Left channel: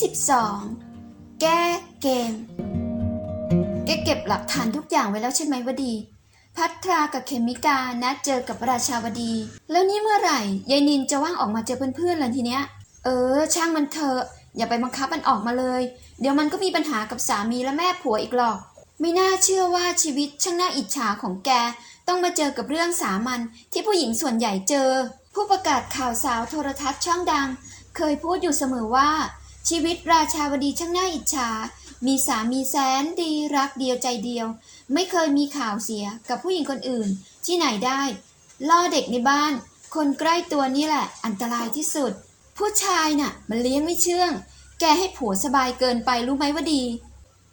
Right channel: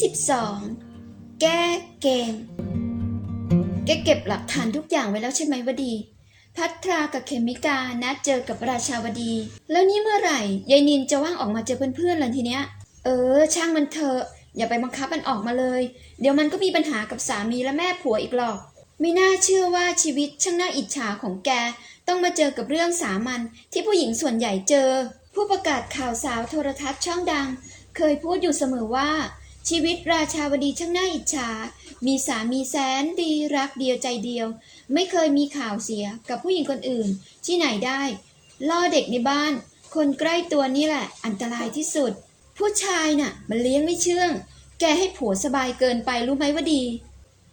12 แก้เกม แกเก็บหลักฐานทุกอย่างไว้แล้วใช่ไหมวดี พัทรากับเคมิกานัดเจอกับราชาวดี แล้วนี่เมื่อไหร่ยายนินจะว่างออกมาเจอเพื่อนๆล่ะทีเนี้ย เออ ช่างมันเถอะ อย่าไปบังคับมันออกมาเลย เดี๋ยวมันก็มีปัญหากับสามีและแม่ผัวอีกหรอก ไม่น่าเชื่อว่าชีวิตช่างน่าอิจฉาของแก ต้องมาเจอกับเรื่องสามัญที่ผู้หญิงส่วนใหญ่เจอ ผู้ประกาศข่าวสาวโทรทัศน์ช่องดังเคยพูดอยู่เสมอว่า ชีวิตราชาวดีช่างน่าอิจฉา มีสามีแสนดีรักเดียวใจเดียว ไม่เคยมีข่าวเสียกับผู้หญิงคนอื่น ที่ไหนได้ ล่อเด็กในบ้าน คนใกล้ตัวนี่แหละ อันตรายที่สุด ผู้ชายน่ะ มันเลี้ยงไม่เชื่อง แกให้ผัวสบายเกินไปรู้ไหมว่าดี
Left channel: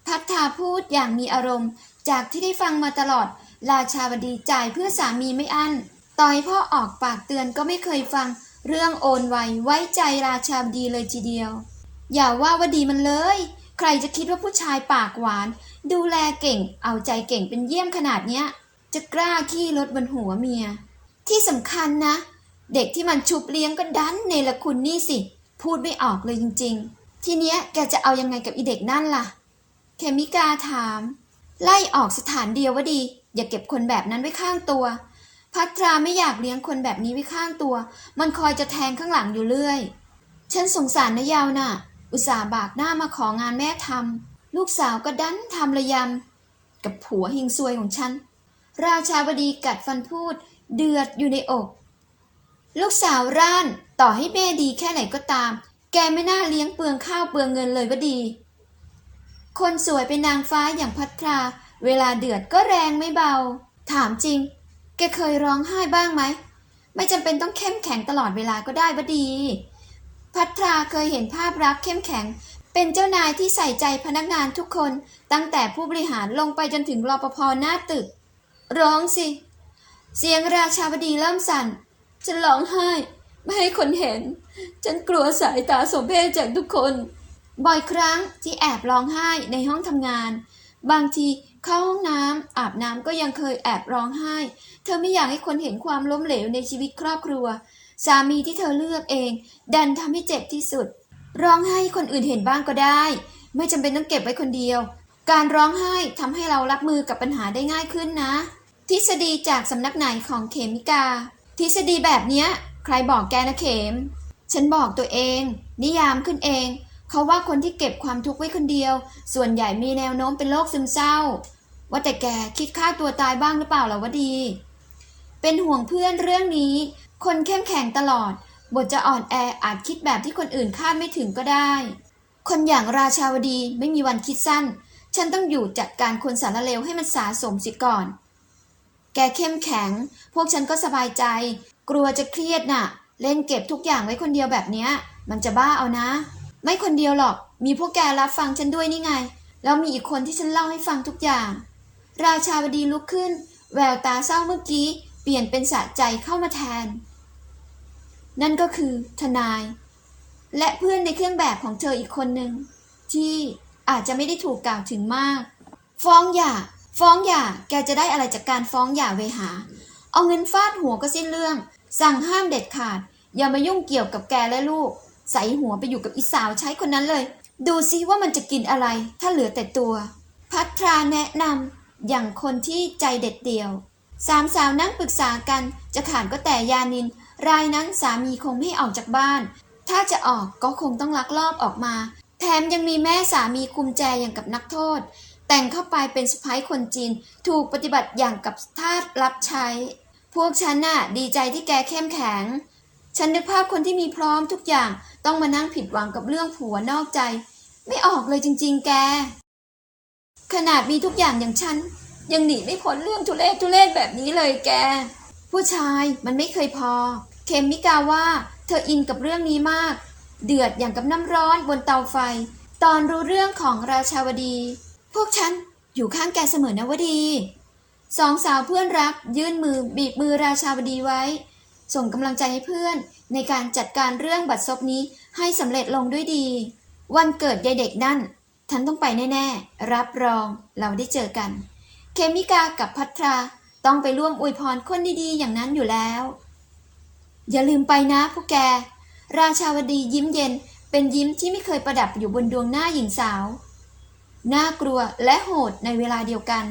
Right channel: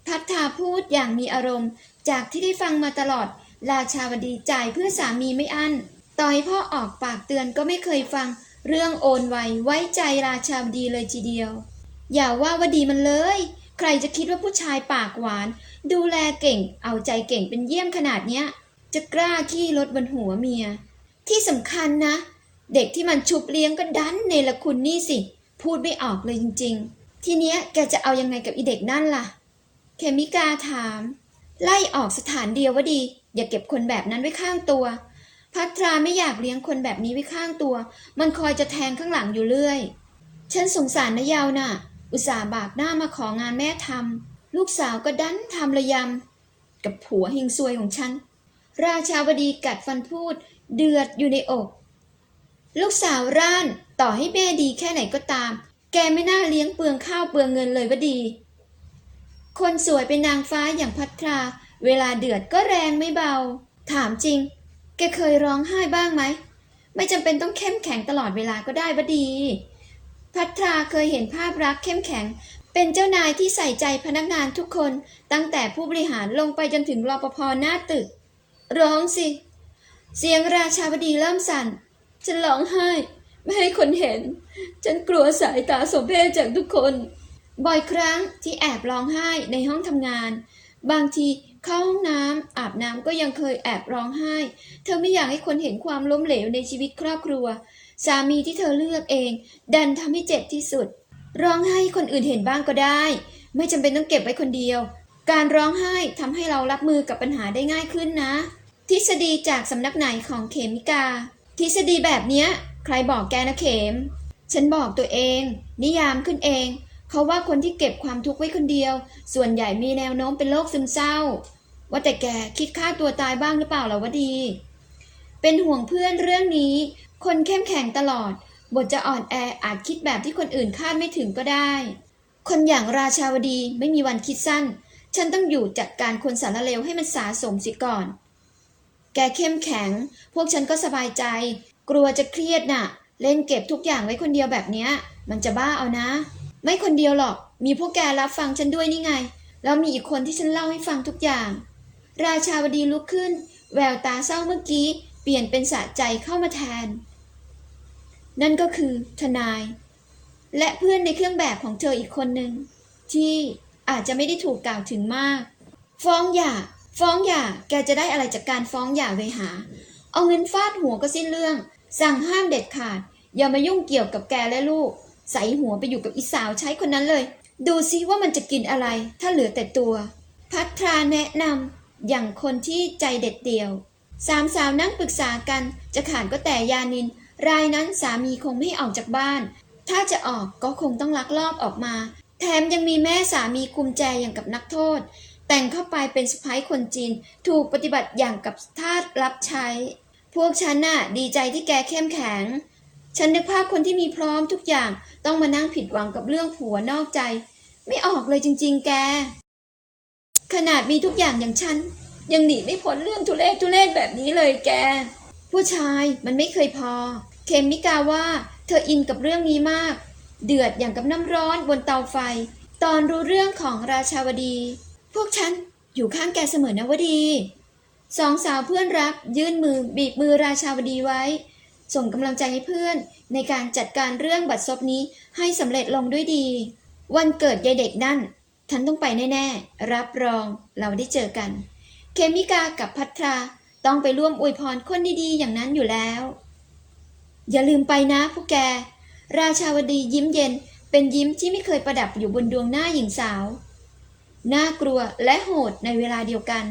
พัฒนาพูดอย่างมีอารมณ์ จากที่ได้ฟังมาตลอด ราชาวดีจ่ายเพื่อสามีไม่อั้นต่อยพ่อออกปากเตือนก็ไม่เคยฟัง เรื่องโอนไวไว้ใจราชาวดีเลยทีเดียว อย่าว่าวดีมันเลย ใครจะคิดว่าผู้ชายปากหวาน ดูแลเก่ง เอาใจเก่งเป็นเยี่ยมขนาดเนี้ย จะกล้าขี้รถบนหัวเมีย ที่สำคัญนะ เด็กที่มันชุบเลี้ยงก็ดันเนรคุณนี่สิ พูดไม่ออกเลยจริง ๆ ทีเนี้ยแกจะเอายังไงกับอีเด็กนั่นล่ะ เคมิกาถาม ไล่ออกสถานเดียวว่าดี อย่าเก็บคนแบบนั้นไว้ข้างตัว พัทราไม่อยากเลี้ยงคนแบบนี้ไว้ข้างตัว มันคอยจะแทงข้างหลังอยู่เรื่อย ฉันสงสารนะยาวน่ะ อุตส่าห์บากหน้ามาของานแม่ทำลูกสาวก็ดันทำระยำ กับผัวหิงซวยของฉัน ราชาวดีกัดฟันพูด เดือดอยู่ในอก ลูกสาวร่านต่อให้แม่ดีแค่ไหนก็ตาม แกไม่น่าเลี้ยงเปลืองข้าวเปลืองเงินเลยว่าดี คนสวยเป็นนางฟ้าอย่างพัทรา เวลาเดือดก็แรงไม่เบา ถามจริง แกเคยร้องไห้บ้างไหม ไม่จำเป็นต้องเข้มแข็งตลอดเวลาก็ได้วะดี พัทราเคยเห็นภาพรักเข้มแข็ง เป็นเจ้านายที่ใส่ใจพนักงานทุกคน ตั้งแต่ผู้บริหารลงไปจนถึงรปภหน้าตึก ร้องสิ เสียงราชาวดีเริ่มสั่น ฉันร้องไห้ ไม่ให้คนเห็น ฉันกลัวสายตาสมเพชจากทุกคน บ่อยครั้งที่แอบร้องไห้ในห้องทำงาน บางทีเข้าห้องน้ำอาบน้ำก็ยังเคยแอบร้องไห้ เธอไม่อยากให้คนเห็นความล้มเหลวในชีวิตครอบครัว สามีที่เธอเลือกเอง ดันทำให้เจ็บที่สุด ร้องไห้คนอื่นเห็นบ้างก็ได้ ไม่จำเป็นต้องเก็บไว้คนเดียว การร้องไห้ทำให้เรารับมือกับปัญหาได้ง่ายขึ้นนะ ทฤษฎีจากสำนักไหนของเขมิกา ทฤษฎีแบบเนี้ย ใครบอกแกนะเขม ฉันบอกตัวเอง นิยามขึ้นเอง เขาว่าคนที่เก็บความทุกข์ไว้คนเดียว ส่วนใหญ่มีแนวโน้มเป็นโรคซึมเศร้า ว่าแต่แกคิดฆ่าตัวตายบ้างหรือเปล่าล่ะวะดี เป็นห่วงเพื่อนเรื่องนี้ คนเข้มแข็งตลอด บทจะอ่อนแออาจคิดแบบที่คนอื่นคาดไม่ถึงก็ได้ คนอย่างราชาวดีไม่มีวันคิดสั้น ฉันต้องอยู่จัดการคนสารเลวให้มันสาสมสิก่อน แกเข้มแข็ง พวกฉันก็สบายใจ กลัวจะเครียดน่ะ เล่นเก็บทุกอย่างไว้คนเดียวแบบเนี้ย มันจะบ้าเอานะ ไม่คนเดียวหรอก มีพวกแกรับฟังฉันด้วยนี่ไง แล้วมีอีกคนที่ฉันเล่าให้ฟังทุกอย่าง ราชาวดีลุกขึ้น แววตาเศร้าเมื่อกี้ ปลี่ยนเป็นสะใจเข้ามาแทน นั่นก็คือทนาย และเพื่อนในเครื่องแบบของเธออีกคนหนึ่ง ที่อาจจะไม่ได้ถูกกล่าวถึงมาก ฟ้องหย่า ฟ้องหย่าแกจะได้อะไรจากการฟ้องหย่าเวหา เอาเงินฟาดหัวก็สิ้นเรื่อง สั่งห้ามเด็ดขาด อย่ามายุ่งเกี่ยวกับแกและลูก ใส่หัวไปอยู่กับอีสาวใช้คนนั้นเลย ดูซิว่ามันจะกินอะไร ถ้าเหลือแต่ตัว พัทราแนะนำอย่างคนที่ใจเด็ดเดี่ยว สามสาวนั่งปรึกษากันจะขาดก็แต่ยานิน รายนั้นสามีคงไม่ออกจากบ้าน ถ้าจะออกก็คงต้องลักลอบออกมา แถมยังมีแม่สามีคุมแจอย่างกับนักโทษ แต่งเข้าไปเป็นสะพ้ายคนจีน ถูกปฏิบัติอย่างกับทาสรับใช้ พวกฉันน่ะดีใจที่แกเข้มแข็ง ฉันนึกภาพคนที่มีพร้อมทุกอย่างต้องมานั่งผิดหวังกับเรื่องผัวนอกใจ ไม่ออกเลยจริง ๆ แก ขนาดมีทุกอย่างอย่างฉัน ยังหนีไม่พ้นเรื่องทุเรศทุเรศแบบนี้เลยแก ผู้ชายมันไม่เคยพอ เคมิกาว่า เธออินกับเรื่องนี้มาก เดือดอย่างกับน้ำร้อนบนเตาไฟ ตอนรู้เรื่องของราชาวดี พวกฉันอยู่ข้างแกเสมอนะวดีสองสาวเพื่อนรักยื่นมือบีบมือราชาวดีไว้ ส่งกำลังใจให้เพื่อน ในการจัดการเรื่องบัตรซบนี้ให้สำเร็จลงด้วยดี วันเกิดยายเด็กนั่นฉันต้องไปแน่ ๆ รับรองเราได้เจอกัน เคมิกากับพัทราต้องไปร่วมอวยพรคนดีๆ อย่างนั้นอยู่แล้ว อย่าลืมไปนะพวกแก ราชาวดียิ้มเย็นเป็นยิ้มที่ไม่เคยประดับอยู่บนดวงหน้าหญิงสาว น่ากลัวและโหดในเวลาเดียวกัน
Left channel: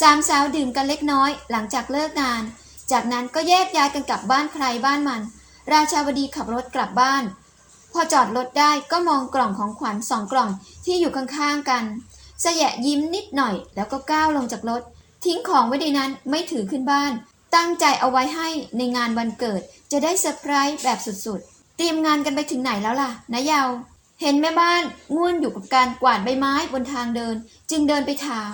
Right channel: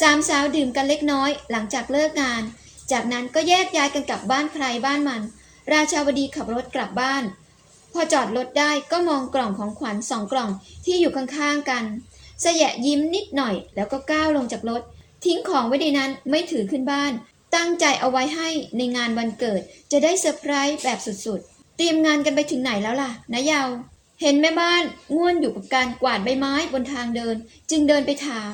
สามสาวดื่มกันเล็กน้อยหลังจากเลิกงาน จากนั้นก็แยกย้ายกันกลับบ้านใครบ้านมัน ราชาวดีขับรถกลับบ้าน พอจอดรถได้ก็มองกล่องของขวัญสองกล่องที่อยู่ข้างๆกัน สยะยิ้มนิดหน่อย แล้วก็ก้าวลงจากรถ ทิ้งของไว้ในนั้นไม่ถือขึ้นบ้าน ตั้งใจเอาไว้ให้ในงานวันเกิด จะได้เซอร์ไพรส์แบบสุดๆ เตรียมงานกันไปถึงไหนแล้วล่ะนะเยาวเห็นแม่บ้านง่วนอยู่กับการกวาดใบไม้บนทางเดิน จึงเดินไปถาม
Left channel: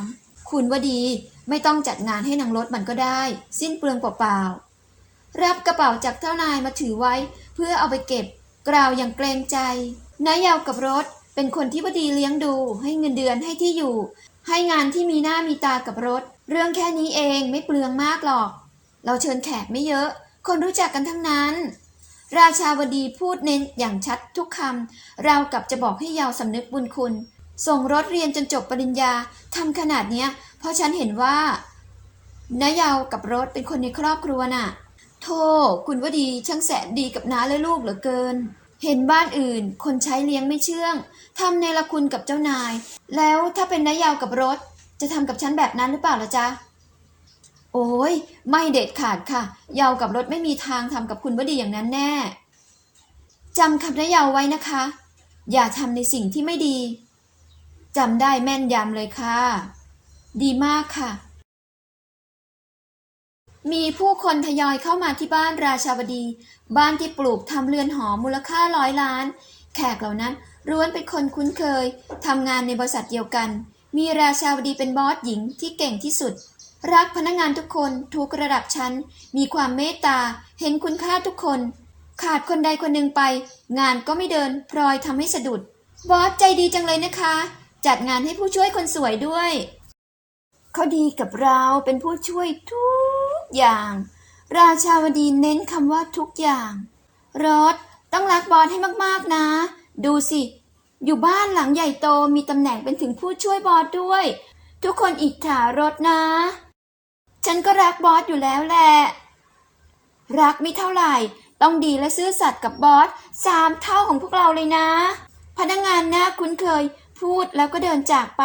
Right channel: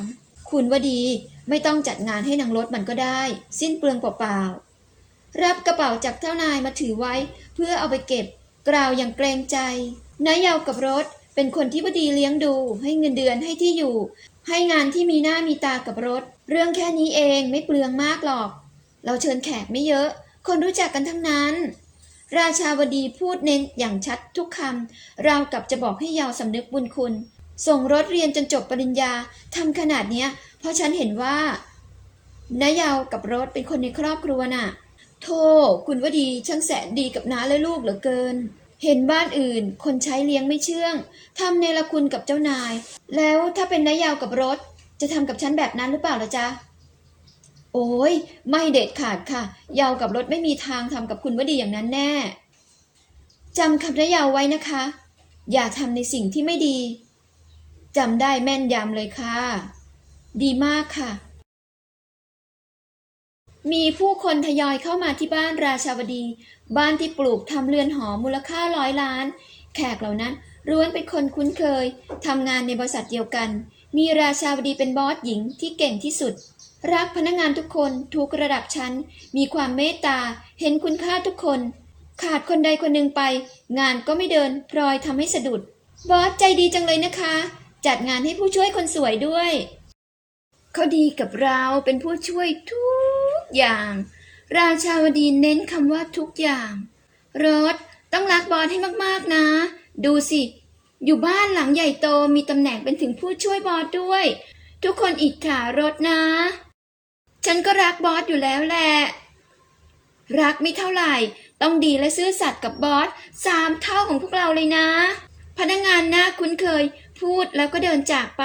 คุณว่าดีไม่ต้องจัดงานให้นางรถมันก็ได้ สิ้นเปลืองเปล่าๆรับกระเป๋าจากเจ้านายมาถือไว้ เพื่อเอาไปเก็บ กล่าวอย่างเกรงใจนายยาวกับรถ เป็นคนที่วดีเลี้ยงดู ให้เงินเดือนให้ที่อยู่ ให้งานที่มีหน้ามีตากับรถ เรื่องแค่นี้เองไม่เปลืองมากหรอก เราเชิญแขกไม่เยอะ คนรู้จักกันทั้งนั้น ราชาวดีพูดเน้นอย่างชัดทุกคำเรากับจะบอกให้ยาวสำนึกบุญคุณ ส่งรถเรียนจนจบปริญญาทำขนาดเนี้ย เพราะฉันเห็นว่านายาวกับรถเป็นคนในครอบครัวน่ะโธ่คุณวดีช่างแสนดีกับน้าและลูกเหลือเกิน เห็นบ้านอื่น คนใช้เลี้ยงไม่เชื่องทำในละคุณกับเจ้านาย แล้วถ้าเป็นนายยาวกับรถ จะทำกับฉันแบบนั้นหรือเปล่าล่ะจ๊ะ โอ้ยไม่เด็ดขาดค่ะ ยาวกับรถไม่มีทางทำกับคุณวดีอย่างนั้นแน่จำคำนายยาวไว้นะคะ อย่าทำในสิ่งที่ไม่ดีจำได้แม่นยำเลยค่ะ ดีมากค่ะ มีผู้คนทยอยเข้ามาที่บ้านราชาวดี บ้านที่ปลูกทำเรือนหอมูลค่าร้อยล้าน แขกเหล่านั้นล้วนเป็นคนคุ้นเคยทำงานในบริษัทเดียวกัน มีราชาวดีเป็นบอสหญิงที่เก่งที่สุด รักพนักงานทุกคนทุกระดับชั้น มีความเมตตา เห็นคุณค่าทุกคน ขาดคนใดคนหนึ่งไป งานก็ไม่เดินพลอยทำให้สะดุด บอสใจดีจังเลยนะคะ จัดงานให้ผู้ช่วยคนสวยด้วย เขาดีกับเราเป็นผู้ช่วยทุก อย่าง ราชาวดีเน้นคำว่าทุกอย่าง รถต้องรักบอสให้มากๆนะ ดูสิ อยู่บ้านหลังใหญ่โตมีตำแหน่งเป็นถึงผู้ช่วยบอสด้วย ทุกคนอิจฉารถนะ ฉันก็รักบอสอยู่แล้วแหละ รักไม่เท่าไหร่ ต้องดีและซื่อสัตย์กับบอสสามเท่าของพวกเราเลยนะ พนักงานหน้าคุ้นเคย พูดแล้วก็เดินจากไป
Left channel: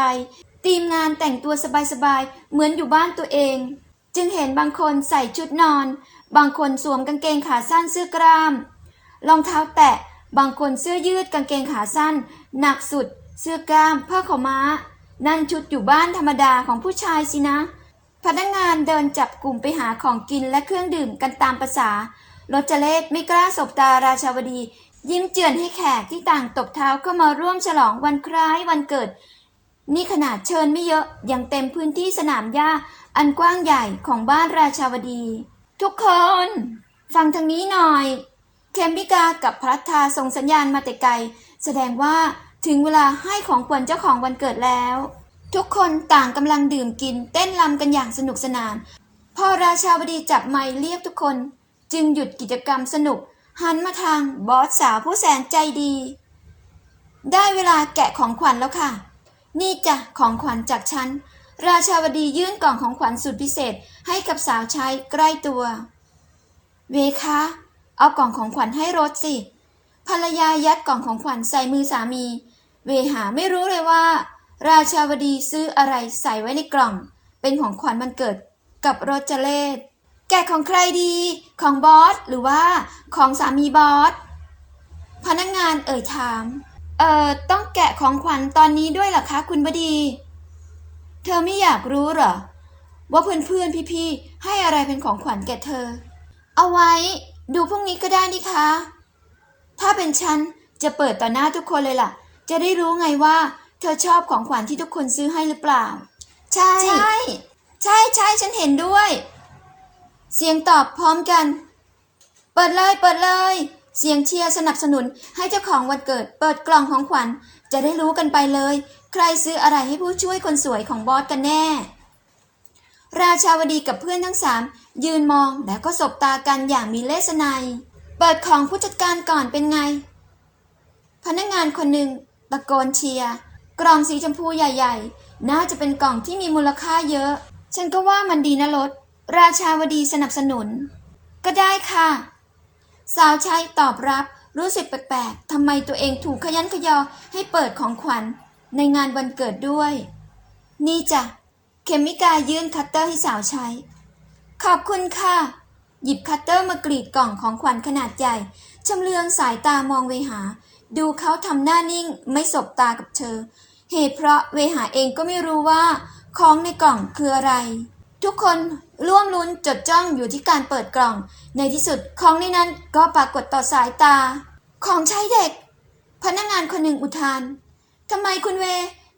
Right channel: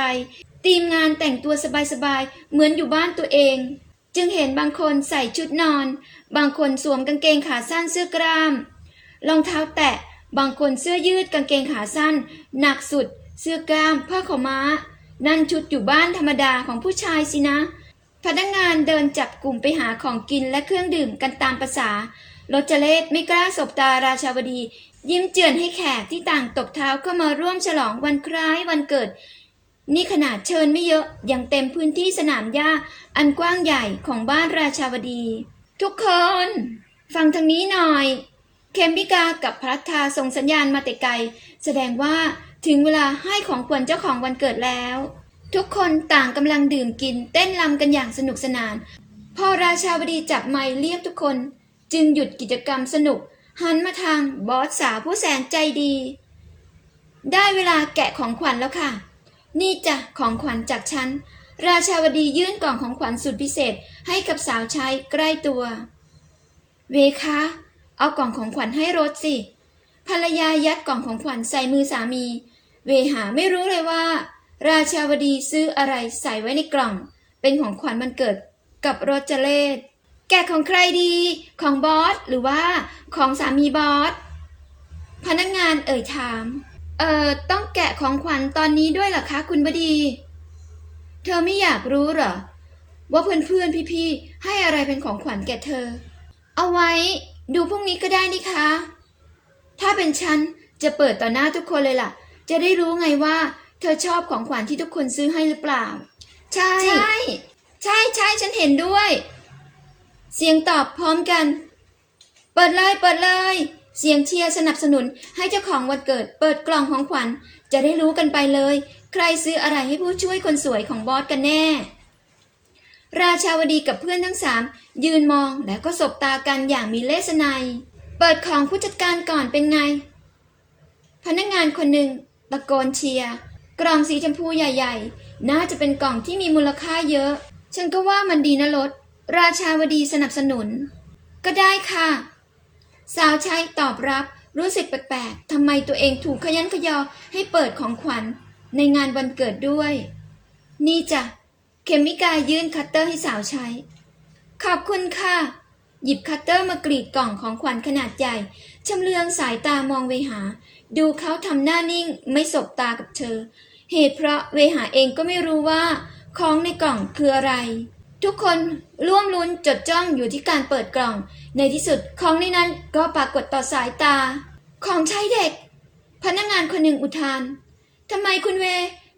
ทีมงานแต่งตัวสบายๆ เหมือนอยู่บ้านตัวเอง จึงเห็นบางคนใส่ชุดนอน บางคนสวมกางเกงขาสั้นเสื้อกล้าม รองเท้าแตะ บางคนเสื้อยืดกางเกงขาสั้น หนักสุด เสื้อกล้าม ผ้าขาวม้า นั่นชุดอยู่บ้านธรรมดาของผู้ชายสินะ พนักงานเดินจับกลุ่มไปหาของกินและเครื่องดื่มกันตามประษารถจเลศไม่กล้าสบตาราชาวดี ยิ้มเจือนให้แขกที่ต่างตบเท้าเข้ามาร่วมฉลองวันคล้ายวันเกิด นี่ขนาดเชิญไม่เยอะยังเต็มพื้นที่สนามหญ้า อันกว้างใหญ่ของบ้านราชาวดี ทุกคน ฟังทางนี้หน่อย เคมบิกากับพัทธาส่งสัญญาณมาแต่ไกล แสดงว่าถึงเวลาให้ของขวัญเจ้าของวันเกิดแล้ว ทุกคนต่างกำลังดื่มกินเต้นรำกันอย่างสนุกสนาน พอราชาวดีจับไมค์เรียกทุกคน จึงหยุดกิจกรรมสนุก หันมาทางบอสสาวผู้แสนใจดี ได้เวลาแกะของขวัญแล้วค่ะ นี่จ้ะของขวัญจากฉัน ราชาวดียื่นกล่องของขวัญสุดพิเศษให้กับสาวใช้ใกล้ตัว เวคะ เอากล่องของขวัญให้รถสิ ภรรยายัดกล่องของขวัญใส่มือสามี เวหาไม่รู้เลยว่า ราชาวดีซื้ออะไรใส่ไว้ในกล่อง เป็นของขวัญมันเกิดกับรถเจเลศแกะของใครดี ของบอสหรือว่าของสามีบอส พนักงานเอ่ยถาม เอ่อ ต้องแกะของขวัญตอนนี้ด้วยเหรอคะคุณบดี เธอไม่อยากรู้เหรอ ว่าเพื่อนๆพี่ๆให้อะไรเป็นของขวัญแก่เธอ เอาไว้ดูพรุ่งนี้ก็ได้นี่คะ ถ้าเป็นฉันจะเปิดต่อหน้าทุกคนเลยล่ะ จะได้รู้ไงว่า เธอชอบของขวัญที่ทุกคนซื้อให้หรือเปล่า ใช่ ใช่ใช่ใช่ฉันเห็นด้วย เสียงตอบพร้อมกัน เปิดเลยเปิดเลย เสียงเชียร์สนับสนุนให้เจ้าของวันเกิด เปิดกล่องของขวัญจะได้รู้กันไปเลย ใครซื้ออะไรให้ผู้ช่วยคนสวยของบอสกันแน่ ราชาวดีกับเพื่อนทั้งสามยืนมองแล้วก็สบตากันอย่างมีเลสไนยเปิดของผู้จัดการก่อนเป็นไง พนักงานคนหนึ่งตะโกนเชียร์กล่องสีชมพูใหญ่ ๆ น่าจะเป็นกล่องที่มีมูลค่าเยอะ ฉันก็ว่ามันดีนะรถราชาวดีสนับสนุน ก็ได้ค่ะ สาวใช้ตอบรับรู้สึกแปลกๆทำไมตัวเองถูกขยันขยอให้เปิดของขวัญ ในงานวันเกิดด้วย นี่จ้ะเขมิกายื่นคัตเตอร์ให้สาวใช้ ขอบคุณค่ะ หยิบคัตเตอร์มากรีดกล่องของขวัญขนาดใหญ่ชำเลืองสายตามองเวหา ดูเขาทำหน้านิ่งไม่สบตากับเธอ เหตุเพราะเวหาเองก็ไม่รู้ว่าของในกล่องคืออะไร ทุกคนร่วมลุ้นจดจ้องอยู่ที่การเปิดกล่อง ในที่สุดของในนั้นก็ปรากฏต่อสายตา ของใช้เด็ก พนักงานคนหนึ่งอุทาน ทำไมคุณเว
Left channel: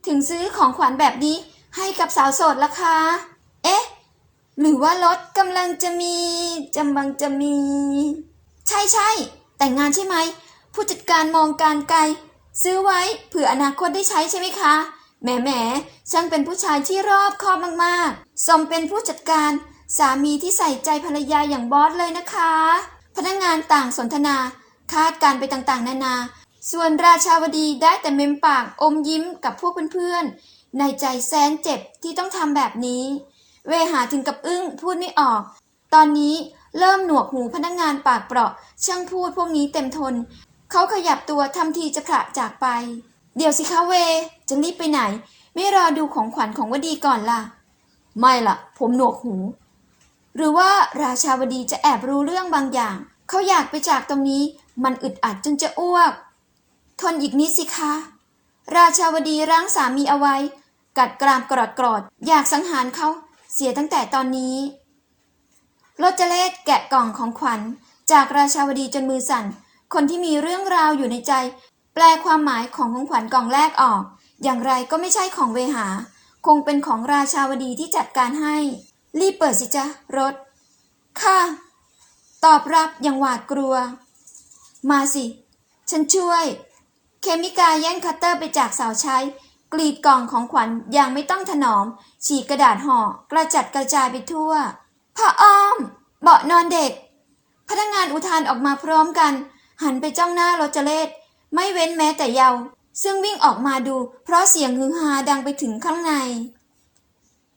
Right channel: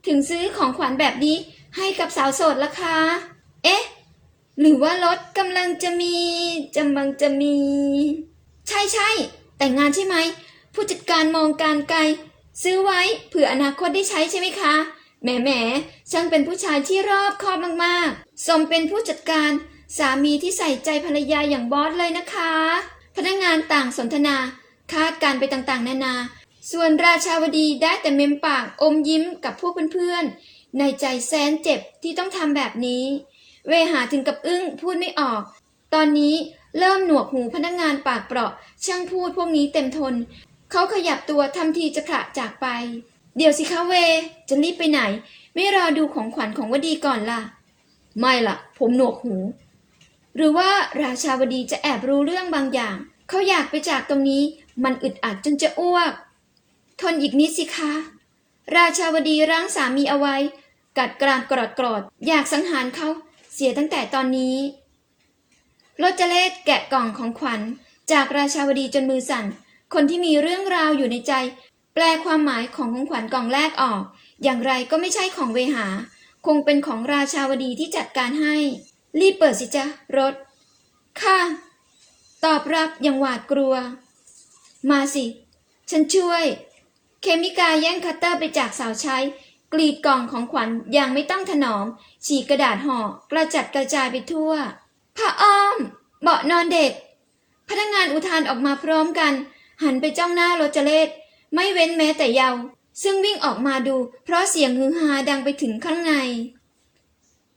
ถึงซื้อของขวัญแบบนี้ให้กับสาวโสดล่ะคะ เอ๊ะ หรือว่ารถกำลังจะมีกำลังจะมี ใช่ใช่ แต่งงานใช่ไหม ผู้จัดการมองการไกล ซื้อไว้เผื่ออนาคตได้ใช้ใช่ไหมคะ แหมแหมช่างเป็นผู้ชายที่รอบคอบมากๆ สมเป็นผู้จัดการสามีที่ใส่ใจภรรยาอย่างบอสเลยนะคะ พนักงานต่างสนทนา คาดการไปต่างๆ นานา ส่วนราชาวดีได้แต่เมมปากอมยิ้มกับพวกเพื่อนๆ ในใจแสนเจ็บที่ต้องทำแบบนี้ เวหาถึงกับอึ้งพูดไม่ออก ตอนนี้เริ่มหนวกหูพนักงานปากเปราะช่างพูดพวกนี้เต็มทน เขาขยับตัวทำทีจะผละจากไป เดี๋ยวสิคะเว จะรีบไปไหน ไม่รอดูของขวัญของวดีก่อนล่ะ ไม่ล่ะ ผมหนวกหู หรือว่าราชาวดีจะแอบรู้เรื่องบางอย่าง เขาอยากไปจากตรงนี้ มันอึดอัดจนจะอ้วก ทนอีกนิดสิคะ ราชาวดีรั้งสามีเอาไว้ กัดกรามกรอดกรอดอยากสังหารเขาเสียตั้งแต่ตอนนี้โรจเลศแกะกล่องของขวัญ จากราชาวดีจนมือสั่น คนที่มีเรื่องราวอยู่ในใจ แปลความหมายของของขวัญกล่องแรกออก อย่างไรก็ไม่ใช่ของเวหา คงเป็นของราชาวดีที่จัดการให้ รีบเปิดสิจ๊ะรถ ค่ะ ตอบรับอย่างหวาดกลัว มาสิ ฉันช่วย เคมิกาแย่งคัตเตอร์ไปจากสาวใช้ กรีดกล่องของขวัญอย่างไม่ต้องถนอม ฉีกกระดาษห่อกระจัดกระจายไปทั่วผ้าอ้อม เบาะนอนเด็ก พนักงานอุทานออกมาพร้อมกัน หันไปจ้องหน้าโรเจเลตไม่เว้นแม้แต่เยาวซึ่งวิ่งออกมาดู เพราะเสียงฮือฮาดังไปถึงข้างใน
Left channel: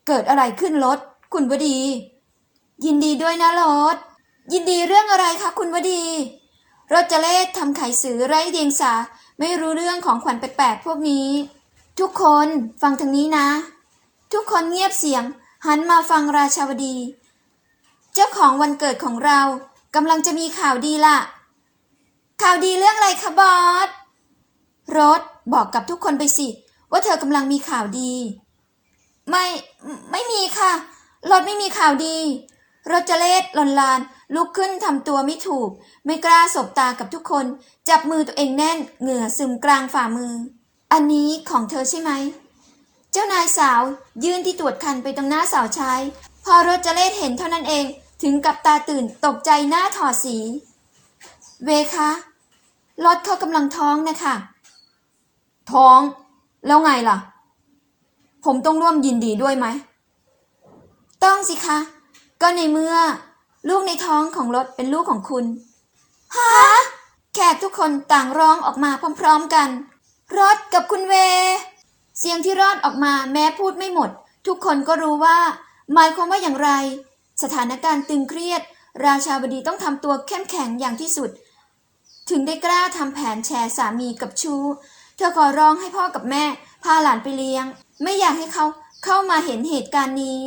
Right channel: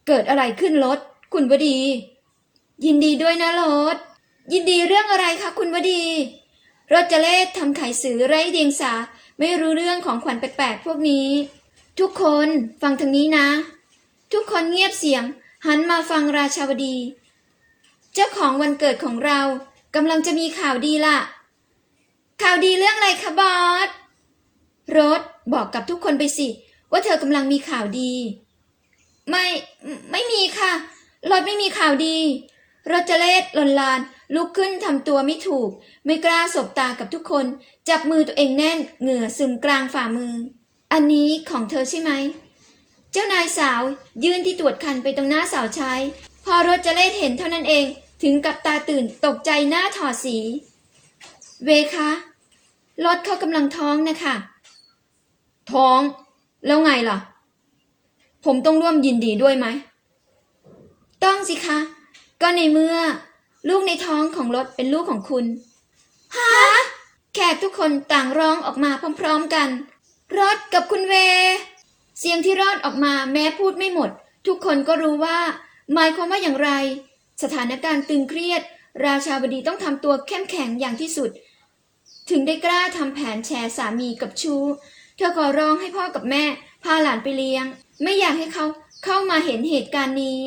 เกิดอะไรขึ้นรถคุณวดี ยินดีด้วยนะรถยินดีเรื่องอะไรคะคุณวดีโรเจเลตทำไขสือไร้เดียงสา ไม่รู้เรื่องของขวัญแปลกๆพวกนี้ ทุกคนฟังทางนี้นะ ทุกคนเงียบเสียง หันมาฟังราชาวดี เจ้าของวันเกิดของเรากำลังจะมีข่าวดีล่ะข่าวดีเรื่องอะไรคะบอสรถบอกกับทุกคนไปสิ ว่าเธอกำลังมีข่าวดี ไม่ไม่มีค่ะรถไม่มีข่าวดีรถจะเลดลนลานลุกขึ้นทำตัวไม่ถูก ไม่กล้าสบตากับทุกคน จับมือตัวเองแน่นเหงื่อซึมกลางฝ่ามือ อันนี้ของเธอใช่ไหม เจ้านายสาวยื่นที่ตรวจคันไปตรงหน้าสาวใช้ พอรถจะเลดเห็นเท่านั้นเองถึงกับตาตื่นตกใจหน้าถอดสี เวคะรถเขากำลังท้องนะคะท้อง แล้วไงล่ะ ผมต้องร่วมยินดีด้วยไหม ต้องสิคะ ก็ในเมื่อ ลูกในท้องของรถเป็นลูกของคุณฮะ แขกทุกคนต่างร้องออกมาพร้อมๆกันรถกับคุณเว เสียงที่รอดออกมาแม้พูดไม่หมด ทุกคนก็รู้ว่า หมายความว่าอย่างไร สถานการณ์ตึงเครียด ราชาบดีต้องทำตัวเข้มแข็งอย่างที่สุด ถึงได้กล้าทำแผนแชร์สามีกับชู้ เธอขอร้องให้พ่อกับแม่ พาหลานไปเลี้ยง ไม่อยากให้เขาเข้ามาเห็นเหตุการณ์นี้